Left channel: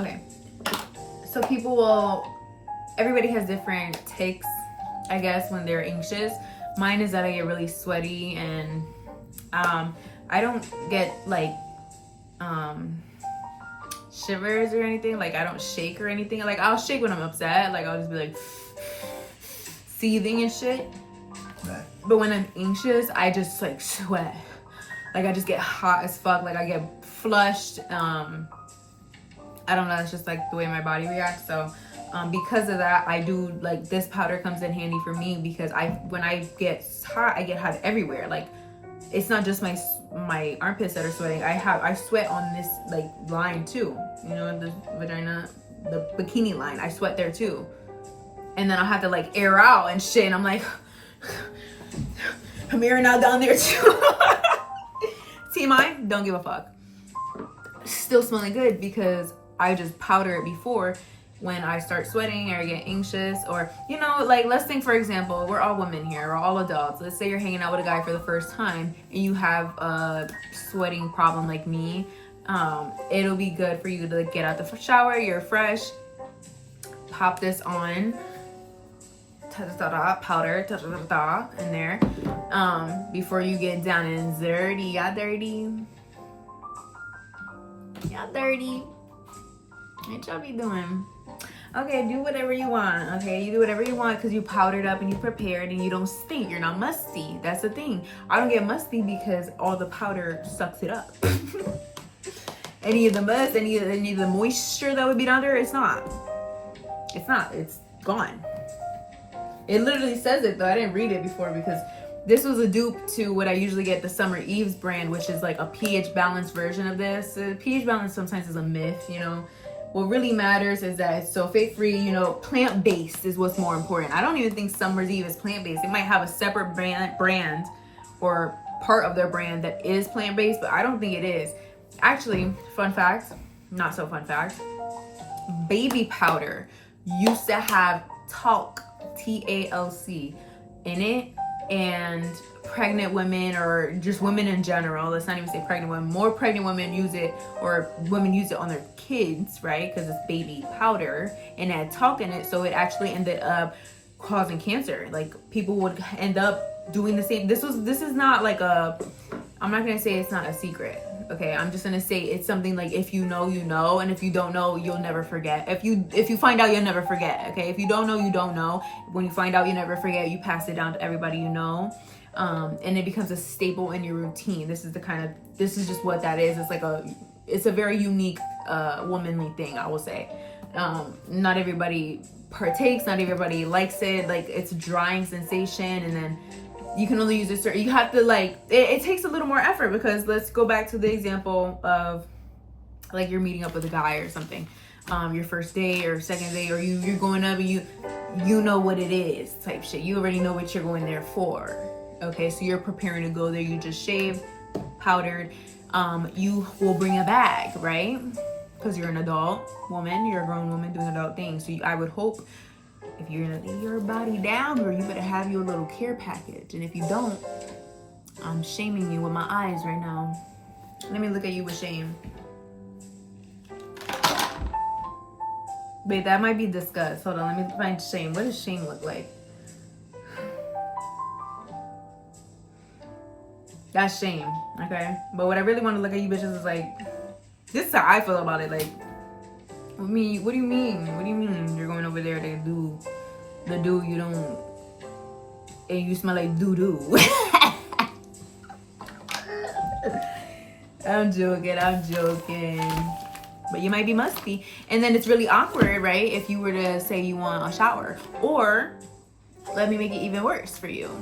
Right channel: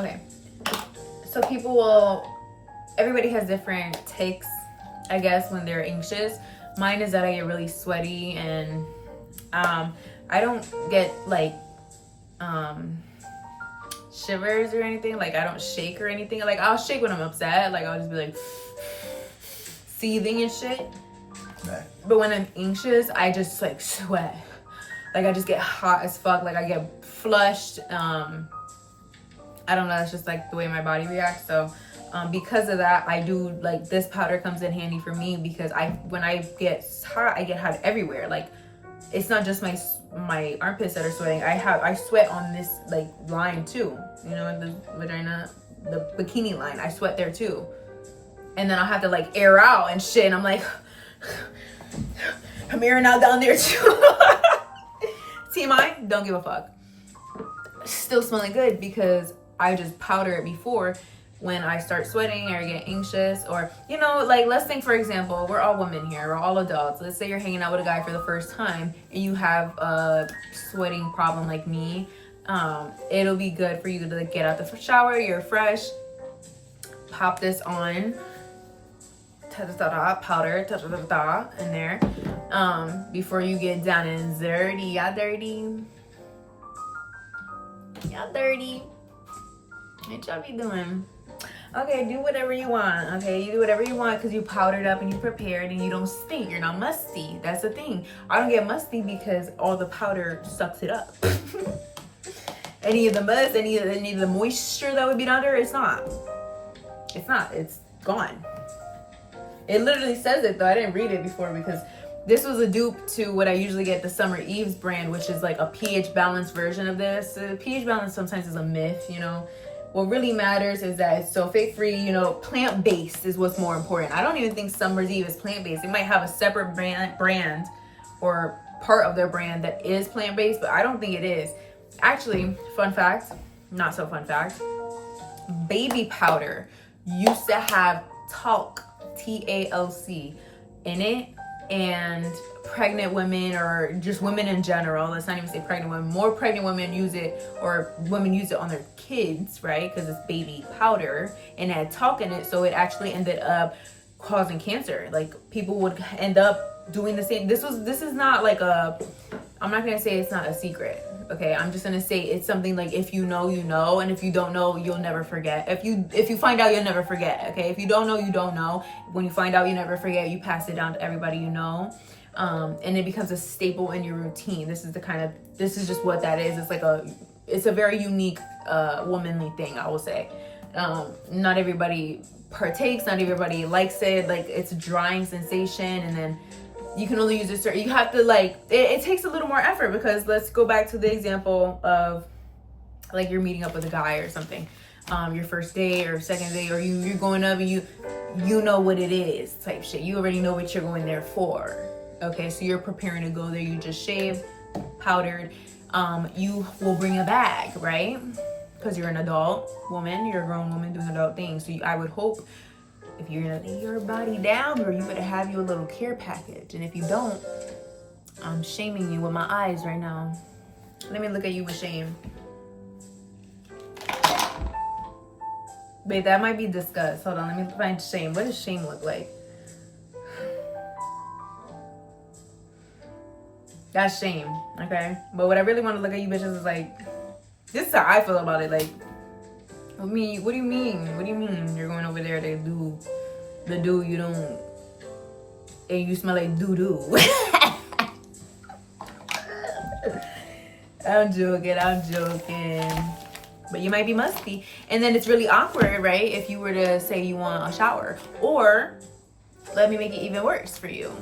Okay. So people will, everybody has different takes, I guess, when they're anxious. Mine is that I get really sweaty and I don't get like shivers or anything. Like I don't shake or anything. Like I'll shake when I'm upset. Like I'll just be like seething and shit. But when I'm anxious, I just like sweat. Like I just get hot as fuck. Like I get flushed. I don't know. It's just like the way my body reacts. So because of that, I do like this powder comes in handy for me because when I get hot, I get hot everywhere. Like it's not just my armpits that are sweating. I sweat on this like line too. You know, the vagina, the bikini line. I sweat there too. And then I'll have to like air out and shit. And I'm like, I'm airing out down there too. TMI, don't give a fuck. Still smelling good because I just powder it before when I start sweating or I get anxious, or, you know, like let's think, for example, we're all women here, we're all adults. Let's say you're hanging out with a guy for the first time and you have a sweating problem like me. It'll be good for you to like, get out the shower, you're fresh, pop this on, powder in there, before you get down and dirty. Y'all dirty. What y'all be doing? Okay, do whatever you want. Okay, you do whatever you want because you powdered up and you prepared and you don't stink. You're not musty. That's the thing. I don't get musty because all the powder sucks it up. Any of the must, any of the moisture that would be down there, it's not. It's gone. It literally says it though. I didn't read it before because this was a dupe to what I usually get, the Summer Eve's brand, which is like a pH balance version of this. pH balance sometimes is a myth, you know. What really matters is that it's sulfate free, you know, plant-based is what's more important. I don't even think Summer's Eve is plant-based. They might have a separate brand or part of their brand that is plant-based, but I don't think it is. Actually, fun fact, not so fun fact, baby powder used to have talc, TALC, in it, and pregnant women, or just women in general, let's not even say pregnant women, more pregnant women use it, or women use it on their kids, right? Because it's baby powder and it had talc in it, so it actually ended up causing cancer. Like people would end up doing the same. This is not like a, I'm not gonna say it's not a secret, okay? I'm just gonna say it's something like if you know, you know, and if you don't know, you'll never forget. If you find out, you'll never forget, okay? If you don't know, you don't know. When you find out, you never forget. You pass it down to everybody you know. And it becomes a staple in your routine. This is just what that is. It's a very unique womanly thing, I will say. Not everybody partakes, not everybody likes it. Like it's a drying sensation, and then you can only use it. You have to like it takes a little more effort, because let's go back to the example of like you're meeting up with a guy or something, your first date or second date, or you're going up and you know what it is type shit. You already know what you're going there for. Okay, so you're preparing to go there. You just shaved, powdered. You will bring a bag, right? Because you're an adult woman, you're a grown woman doing adult things. So I would hope if you're gonna lay your body down, or you better have you a little care package. And if you don't, I'm shaming you with my eyes right now. Let me look at you with shame. Wait, that might be disgust. Hold on, let me find shame. What does shame look like? That's shame, okay? But what I really want to look at you bitches is like, this is how I feel about it. Like, what do you mean? What do you mean you're going over there to do the do you don't, and you smell like doo-doo? I'm joking. But you might be musty. And then it's really awkward, right? If you were to say you want a shower. Or, let me make it even worse for you.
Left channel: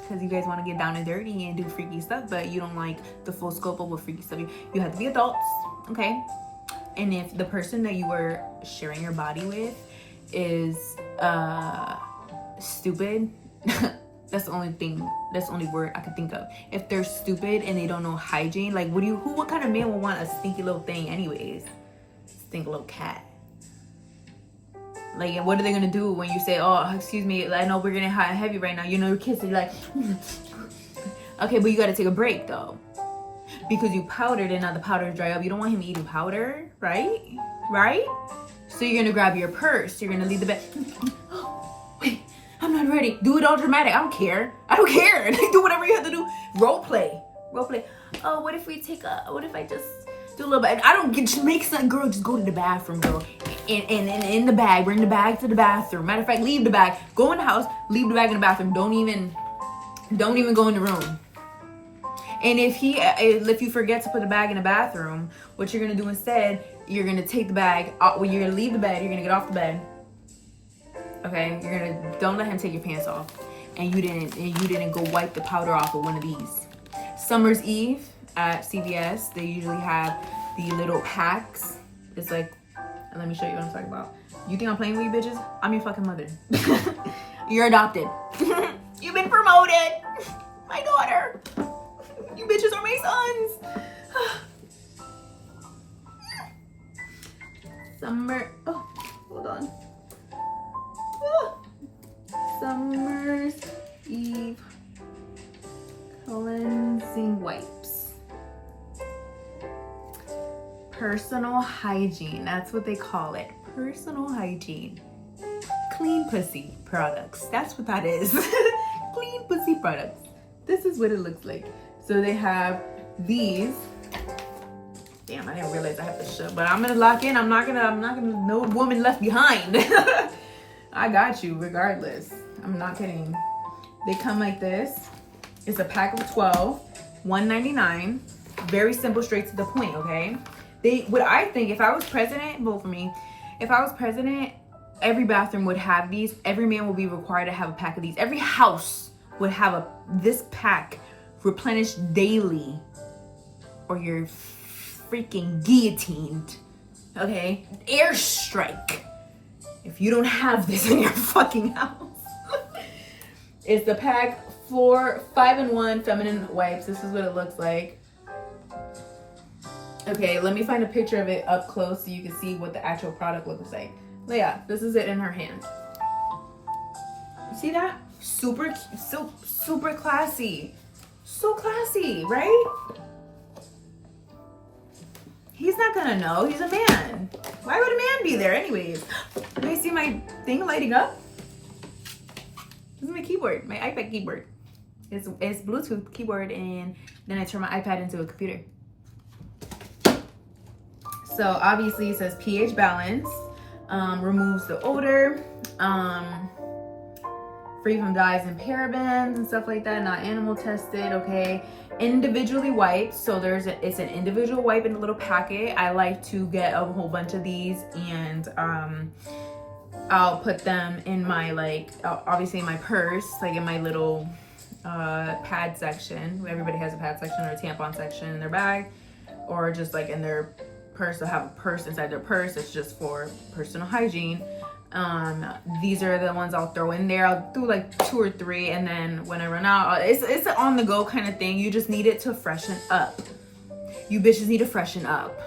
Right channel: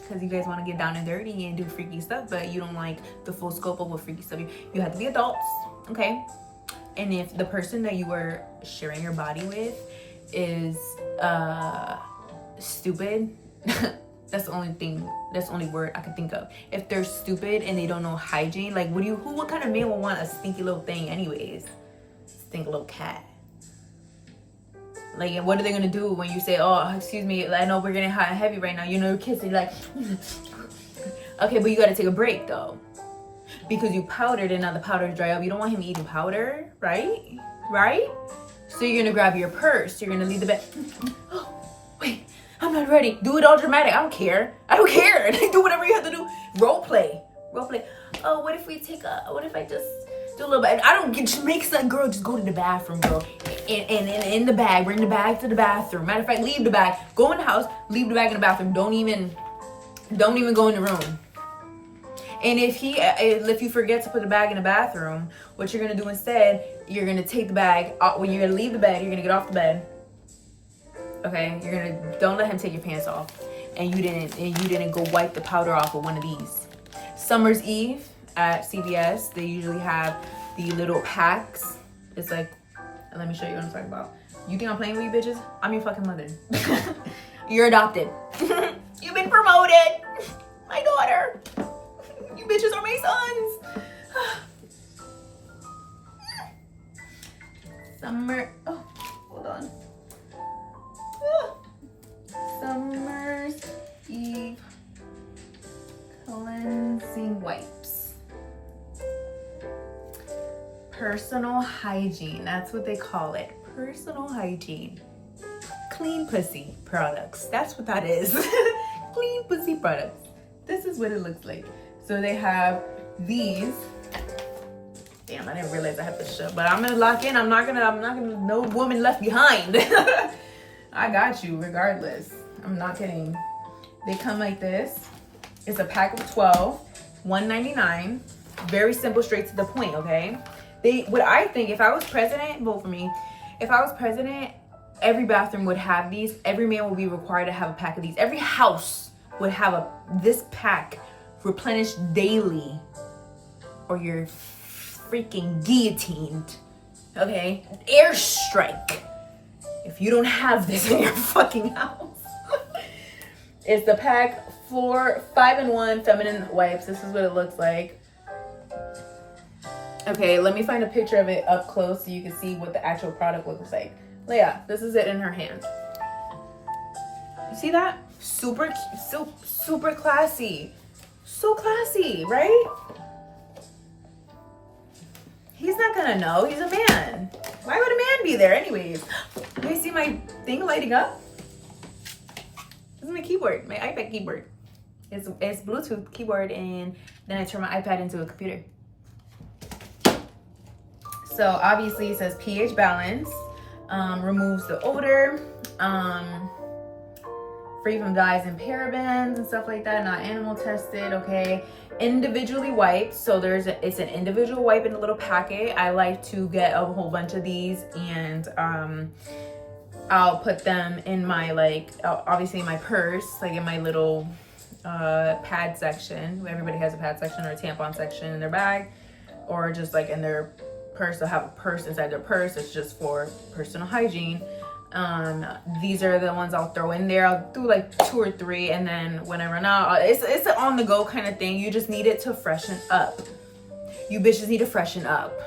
Because you guys want to get down and dirty and do freaky stuff, but you don't like the full scope of what freaky stuff. You have to be adults, okay? And if the person that you were sharing your body with is stupid, that's the only word I could think of. If they're stupid and they don't know hygiene, like what kind of man would want a stinky little thing anyways? Stinky little cat. Like, what are they gonna do when you say, oh, excuse me, I know we're getting hot and heavy right now. You know, your kids are like, okay, but you gotta take a break though. Because you powdered and now the powder dry up. You don't want him eating powder, right? Right? So you're gonna grab your purse. You're gonna leave the bed. Wait, I'm not ready. Do it all dramatic. I don't care. I don't care. Do whatever you have to do. Role play. Role play. Oh, what if I just do a little bit? I don't get, just make some girl, just go to the bathroom, girl. And in the bag, bring the bag to the bathroom. Matter of fact, leave the bag. Go in the house, leave the bag in the bathroom. Don't even go in the room. And if you forget to put the bag in the bathroom, what you're gonna do instead, you're gonna take the bag, you're gonna leave the bed, you're gonna get off the bed. Okay, don't let him take your pants off. And you didn't go wipe the powder off with one of these. Summer's Eve at CVS, they usually have the little packs. It's like, let me show you what I'm talking about. You think I'm playing with you bitches? I'm your fucking mother. You're adopted. You've been promoted. My daughter. You bitches are my sons. Summer, oh, hold on. Summer's Eve cleansing wipes. Personal hygiene, that's what they call it. Personal hygiene. Clean pussy products, that's what that is. Clean pussy products. This is what it looks like. So they have these. Damn, I didn't realize I have to shut, but I'm gonna lock in. I'm not gonna no woman left behind. I got you regardless. I'm not kidding. They come like this. It's a pack of 12, $1.99. Very simple, straight to the point, okay? What I think, if I was president, vote for me. If I was president, every bathroom would have these. Every man would be required to have a pack of these. Every house would have this pack replenished daily, or you're freaking guillotined, okay? Airstrike if you don't have this in your fucking house. It's the pack for 5-in-1 feminine wipes. This is what it looks like. Okay, let me find a picture of it up close so you can see what the actual product looks like. Yeah, this is it in her hand. You see that? Super classy. So classy, right? He's not gonna know. He's a man. Why would a man be there anyways? Do you see my thing lighting up? This is my keyboard, my iPad keyboard. It's Bluetooth keyboard, and then I turn my iPad into a computer. So obviously it says pH balance, removes the odor, free from dyes and parabens and stuff like that, not animal tested, okay? Individually wiped, so it's an individual wipe in a little packet. I like to get a whole bunch of these, and I'll put them in my, like, obviously in my purse, like in my little pad section. Everybody has a pad section or a tampon section in their bag, or just like in their purse. They'll have a purse inside their purse. It's just for personal hygiene. These are the ones I'll throw in there. I'll do like 2 or 3, and then when I run out, it's an on the go kind of thing. You just need it to freshen up. You bitches need to freshen up.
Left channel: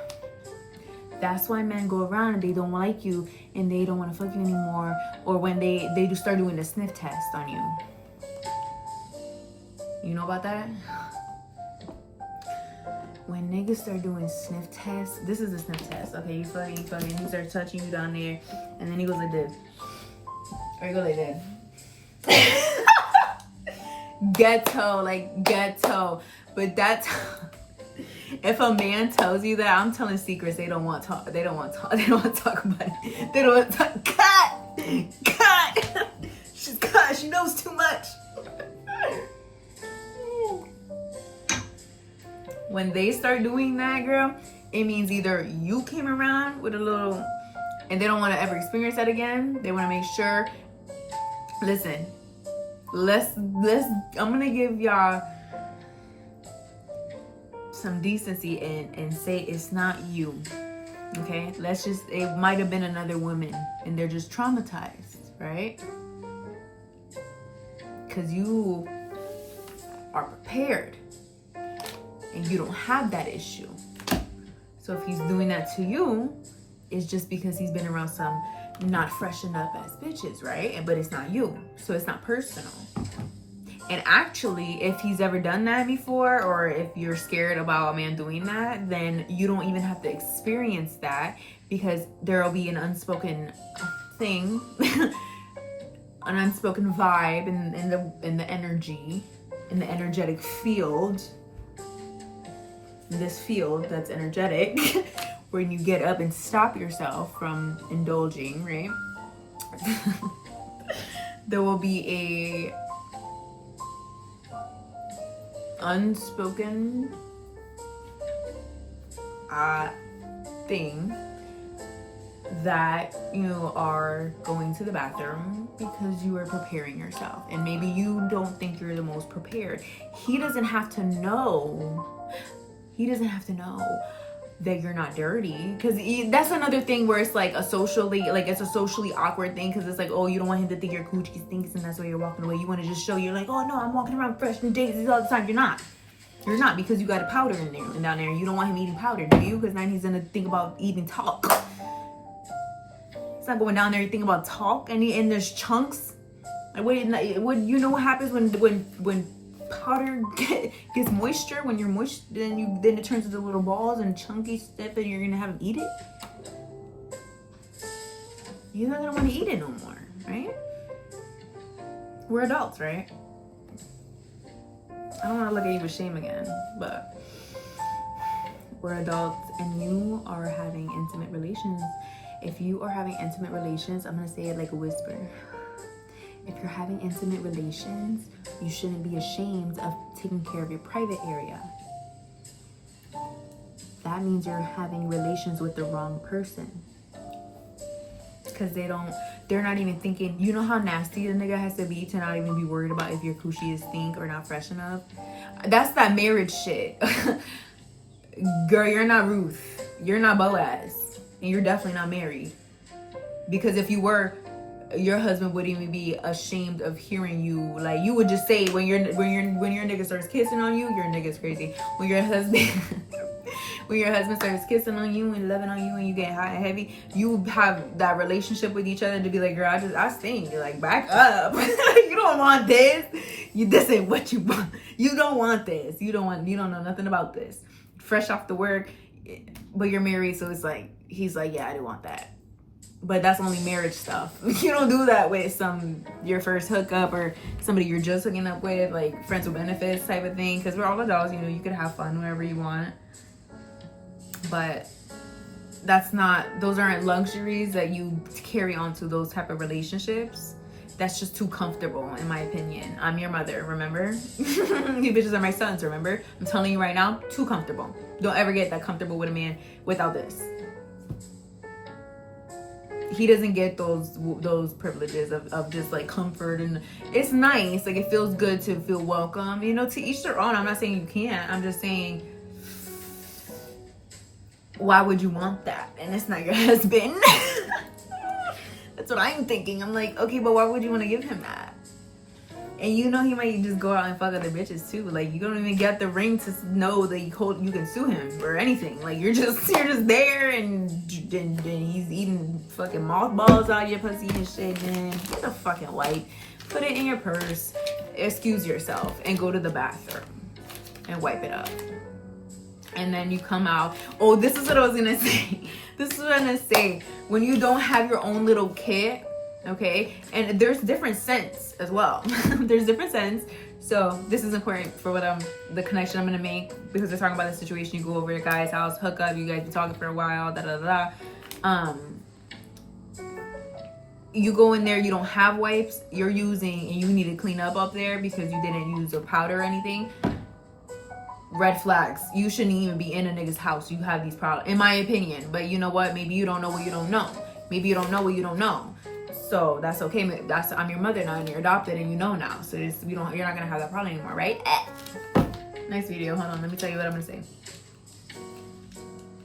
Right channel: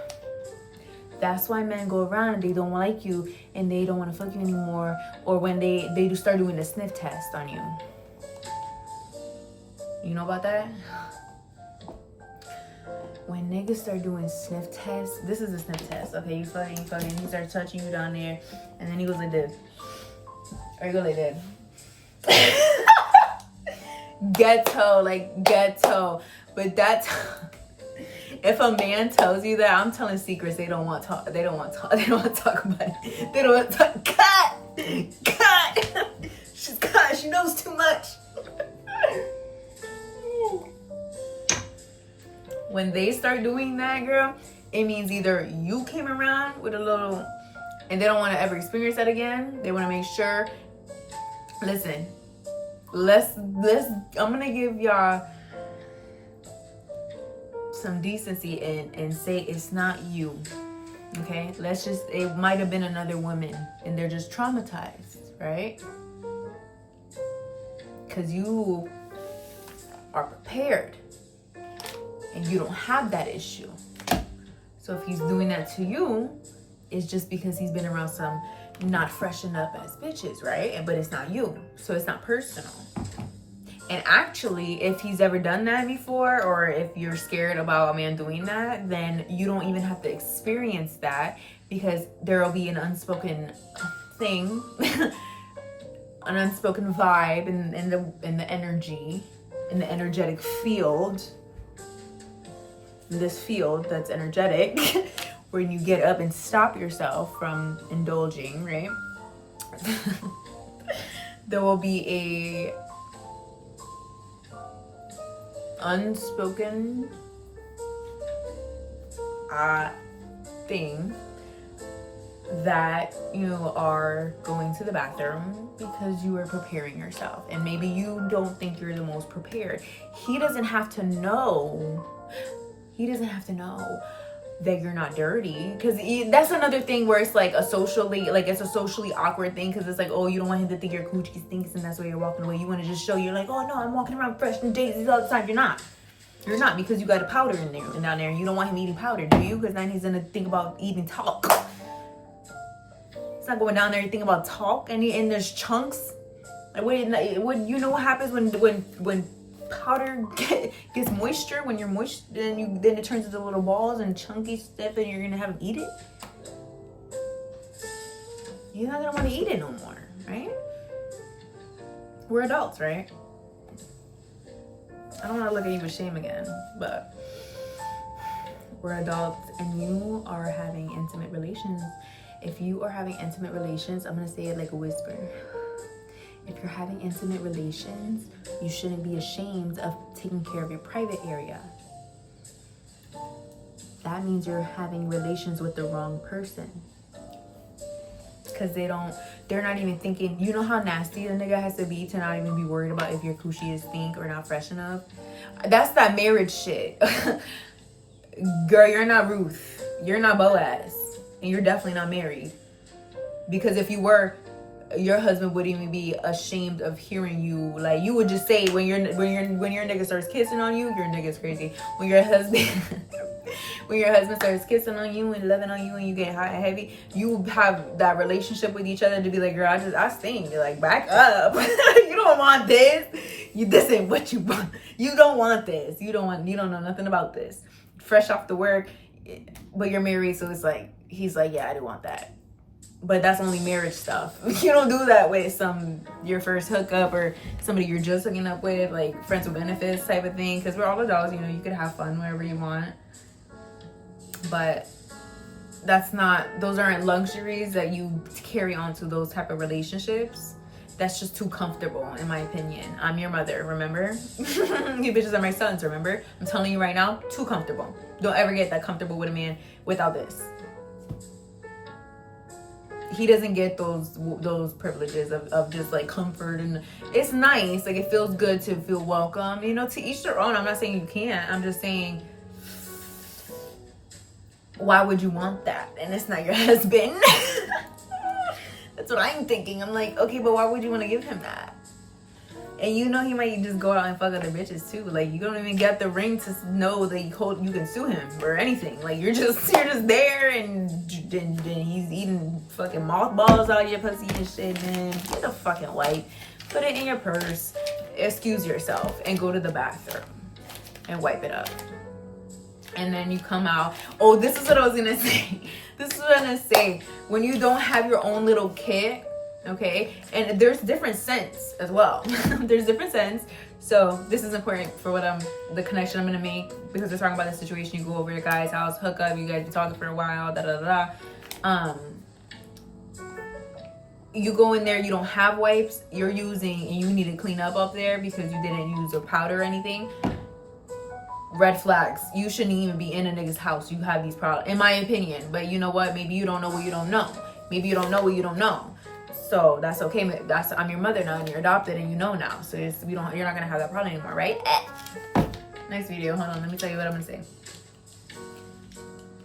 That's why men go around and they don't like you and they don't want to fuck you anymore, or when they do start doing the sniff test on you. You know about that? When niggas start doing sniff tests, this is a sniff test, okay? You fucking, he starts touching you down there, and then he goes like this. Or he goes like this. Ghetto, like ghetto. But that's, if a man tells you that, I'm telling secrets they don't want to talk about it. They don't want to talk, cut. She knows too much. When they start doing that, girl, it means either you came around with a little, and they don't want to ever experience that again. They want to make sure. Listen, I'm gonna give y'all some decency and say it's not you, okay? It might have been another woman, and they're just traumatized, right? Because you are prepared. And you don't have that issue. So if he's doing that to you, it's just because he's been around some not freshened up ass bitches, right? But it's not you, so it's not personal. And actually, if he's ever done that before, or if you're scared about a man doing that, then you don't even have to experience that, because there will be an unspoken thing, an unspoken vibe in the energy, in the energetic field, in this field that's energetic, where you get up and stop yourself from indulging, right? There will be a unspoken thing that you are going to the bathroom because you are preparing yourself, and maybe you don't think you're the most prepared. He doesn't have to know that you're not dirty, because that's another thing where it's like it's a socially awkward thing, because it's like, oh, you don't want him to think your coochie stinks and that's why you're walking away. You want to just show you're like, oh no, I'm walking around fresh and daisies all the time. You're not, because you got a powder in there and down there, and you don't want him eating powder, do you? Because then he's gonna think about eating talc. He's not going down there and think about talc, and there's chunks. Like, what you know what happens when powder gets moisture, when you're moist, then it turns into little balls and chunky stuff, and you're gonna have him eat it. You're not gonna want to eat it no more, right? We're adults, right? I don't want to look at you with shame again, but we're adults, and you are having intimate relations. If you are having intimate relations, I'm gonna say it like a whisper. If you're having intimate relations, you shouldn't be ashamed of taking care of your private area. That means you're having relations with the wrong person. Because they're not even thinking, you know how nasty the nigga has to be to not even be worried about if your coochie is stink or not fresh enough? That's that marriage shit. Girl, you're not Ruth. You're not Boaz. And you're definitely not married. Because if you were, your husband wouldn't even be ashamed of hearing you. Like, you would just say when your nigga starts kissing on you, your nigga's crazy. When your husband starts kissing on you and loving on you and you get hot and heavy, you have that relationship with each other to be like, girl, I stink. You're like, back up. You don't want this. This ain't what you want. You don't want this. You don't know nothing about this. Fresh off the work, but you're married, so it's like, he's like, yeah, I do want that. But that's only marriage stuff. You don't do that with your first hookup or somebody you're just hooking up with, like friends with benefits type of thing. Because we're all adults, you could have fun wherever you want. But those aren't luxuries that you carry on to those type of relationships. That's just too comfortable, in my opinion. I'm your mother, remember? You bitches are my sons, remember? I'm telling you right now, too comfortable. Don't ever get that comfortable with a man without this. He doesn't get those privileges of just like comfort, and it's nice, like it feels good to feel welcome, to each their own. I'm not saying you can't, I'm just saying, why would you want that? And it's not your husband. That's what I'm thinking. I'm like, okay, but why would you want to give him that? And he might just go out and fuck other bitches too. Like, you don't even get the ring to know that you can sue him or anything. Like, you're just there, and he's eating fucking mothballs out of your pussy and shit. Man, get a fucking wipe, put it in your purse, excuse yourself, and go to the bathroom and wipe it up. And then you come out. Oh, this is what I was gonna say. When you don't have your own little kit. Okay, and there's different scents as well. There's different scents. So this is important for the connection I'm gonna make, because we're talking about the situation. You go over to a guy's house, hook up, you guys been talking for a while, you go in there, you don't have wipes, you're using, and you need to clean up there because you didn't use a powder or anything. Red flags. You shouldn't even be in a nigga's house. You have these problems, in my opinion. But you know what? Maybe you don't know what you don't know. Maybe you don't know what you don't know. So that's okay. I'm your mother now, and you're adopted, and you know now. So you're not gonna have that problem anymore, right? Next video. Hold on. Let me tell you what I'm gonna say.